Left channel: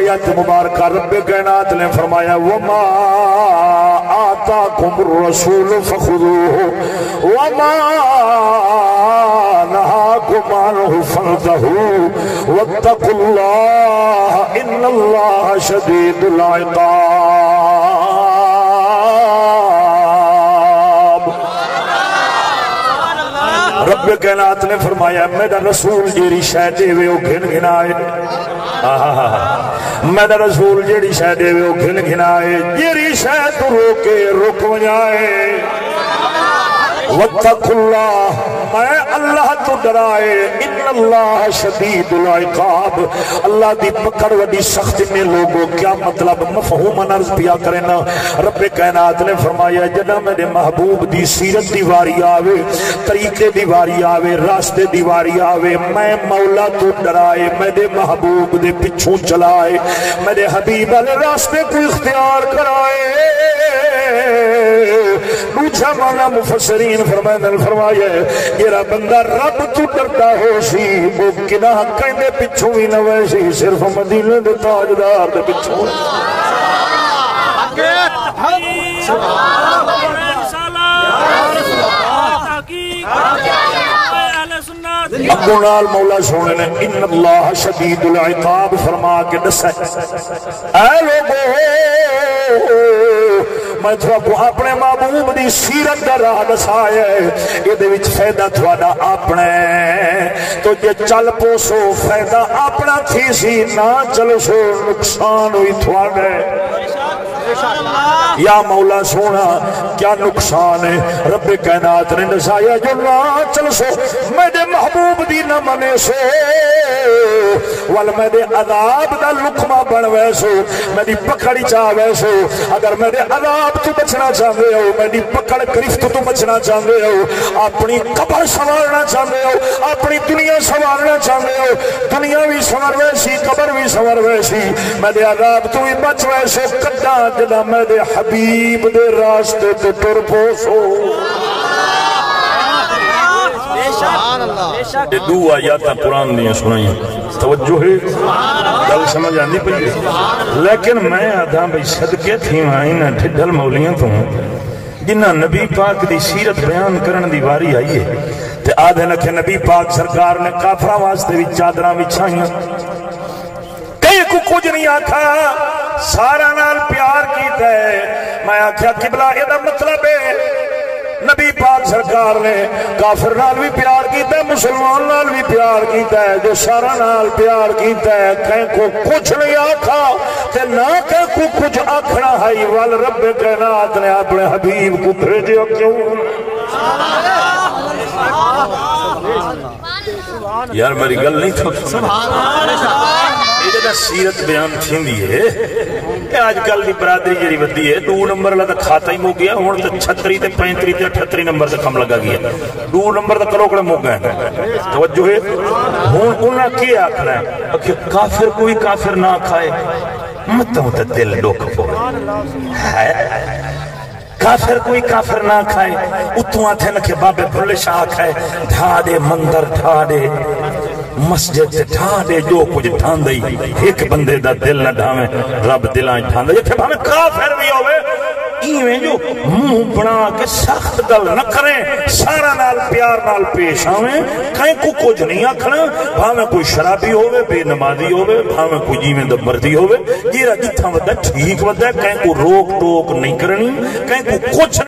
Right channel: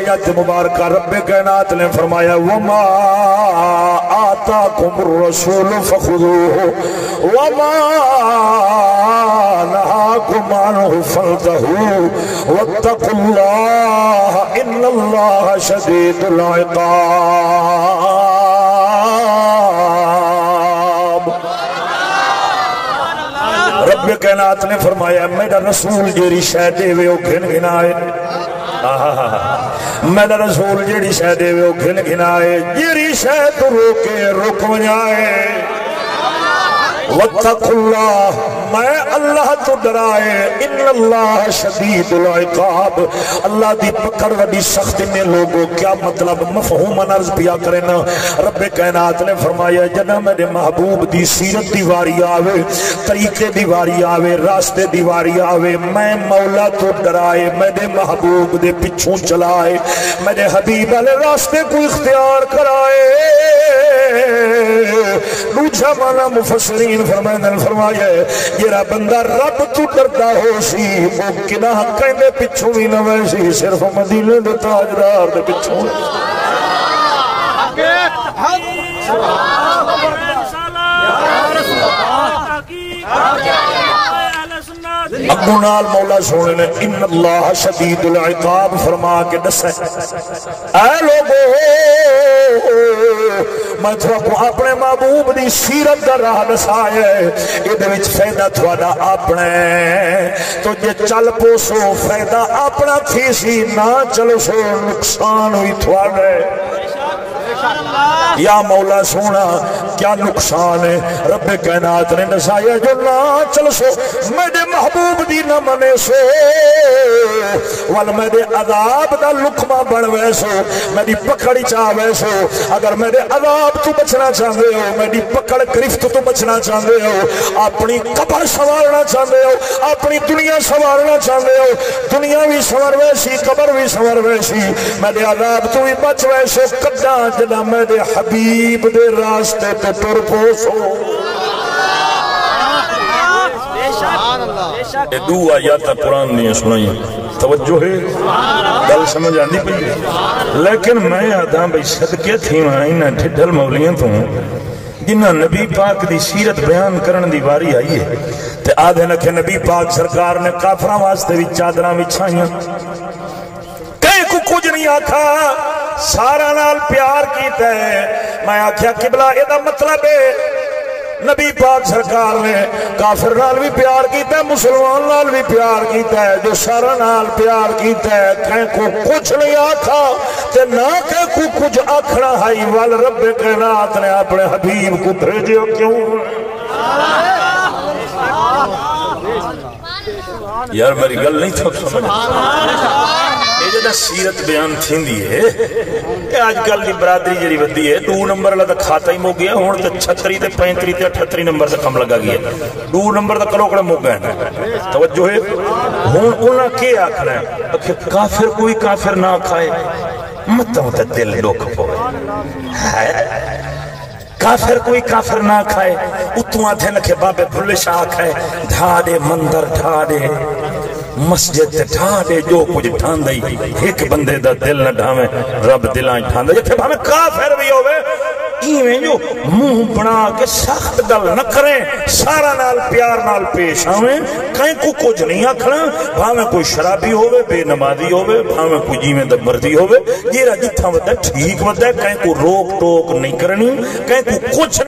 آیت مبارکہ رب کائنات نے فرمایا وما آتاکم الرسول فخذوہ وما نہاکم عنہ فانتہوا واتقوا اللہ ان اللہ شدید العقاب۔ رب کائنات نے فرمایا میرا رسول جیڑی شے دے وے او گھن گھنائے، میرا رسول جیڑی شے دے وے او گھن گھنائے، جیڑی شے تو روکے رک وجائے، واتقوا اللہ میں اللہ تو ڈرائے، ان اللہ شدید العقاب، اللہ دی پکڑ وڈی سخت نے لوگوں کیا مطلب مفہوم عرض پیا کرنا۔ رب کائنات نے فرمایا جنا میرے محبوب دی سیرت دی واری آوے، طریقے دی واری آوے، راستے دی واری آوے، میں مولا تو ڈرائے، میرے محبوب دے پچھوں چلائے، میرے حبیب والے راستے کو اختیار کرائے۔ دوسرا مانا مفسرین فرمایا جیڑا بندہ رب تو ڈرتا ہو سی وہ گناہ کہندے پچھوں ہی نہ ویسی، صرف مدینے دے تاجدار دے پچھوں۔ اپنے نال مولا سونے نے ان اللہ شدید العقاب فرما کے دسا اے لوگو میں تھوڑا اپنے محبوب دی سیرت دا راہ دسایا ہے، یہ دے وچ فائدہ تھوڑا اپنے تو جے چل پوسو فائدہ اپنا تھی سی، نہ چلو سو نقصان ہوئی تھوڑے۔ یا مولا سونا کیا نقصان ہے؟ رب کائنات نے دسایا جو نہ چلو سو میرے محبوب دی نہ منے سو وال میرے عذاب دا لقمہ بن ویسو، میری پکڑی چاہ ویسو، اگر میرے عذاب تو بچنا چاہتے ہو، میری پکڑ گرفت تو بچنا چاہتے ہو، اپنی قبر سوارنا چاہتے ہو، اپنی دنیا سوارنا چاہتے ہو، دنیا بھی سوار ویسی قبر بھی سوار ویسی، میرے عذاب تو بھی بچ ویسے کڈا جنا میرے حبیب دے راستے تے ٹر پوسو۔ یہ دو آیات قرآن نے سنائی، توجہ ہے گل سمجھ آندی پئی ہے، لیکن میں آدھا بھئی صدقے تھی آئی نہ ٹھڈل مولیاں تو جنہ نبی پاک دی سیرت بیان کرن دی واری آئی ہے تے آدھے نکھے نبی پاک سرکار نے کافرہ واسطے بھی چادرہ بچھائیاں، کئی کو کچھ نہیں آکھا، سارا نال پیار کیتا ہے۔ میں آکھیا قبلہ یہ دا مطلب ہے نبی پاک سرکار نے کافر نال بھی پیار کیتا ہے، مسلمان نال بھی پیار کیتا ہے، جو سارا نال پیار کیتا ہے کہیں کو کچھ نہیں آکھا تے نہ کہیں کو کچھ آکھنا ہے، وال رب کائنات نے اپنے حبیب کو بھیجا کیوں؟ یار میری گل نہیں تھوڑی سیرت بیان تھی ہے کہ آج کل کی برادری جڑی ودی ہے 2 نمبر والا تو کھاتا ہی مک گیا، ہوں تو 36 تے 35 تے 38 نمبر سے کم لگا گیا، 2 نمبر کا کروکڑا مک گیا۔ توجہ ہے ہوں انہاں کے آخنا ہے کہ کافر کو بھی کافر نہ کھائے، متوں تے دل ڈوک ہے، کافر کوئی کافر نہ کھائے، اتوں آتے نکھے بابے بھلے شاہ کھائے، ڈھا دے مندر ڈھا دے مسجد ڈھا دے، جو کچھ ڈھان دے ایک بندے دا دل نہ ڈھاویں، رب دلائیں ڈھان دے، جتھے بھامے کافر بھی ہوئے ایویں جو منہ بنا کے سخت گل نہ کریں، سارا نال پیار نال پیش آویں، کہیں کو کچھ نہیں آکھنا، بھامے کوئی شرابی ہوئے، بے نمازی ہوئے، بھامے کوئی جیویں دا مرضی ہوئے، جیرا جتھا ودا ٹھیک ودا، کہیں کو روک ٹوک نہیں کرنی، کہیں کو کچھ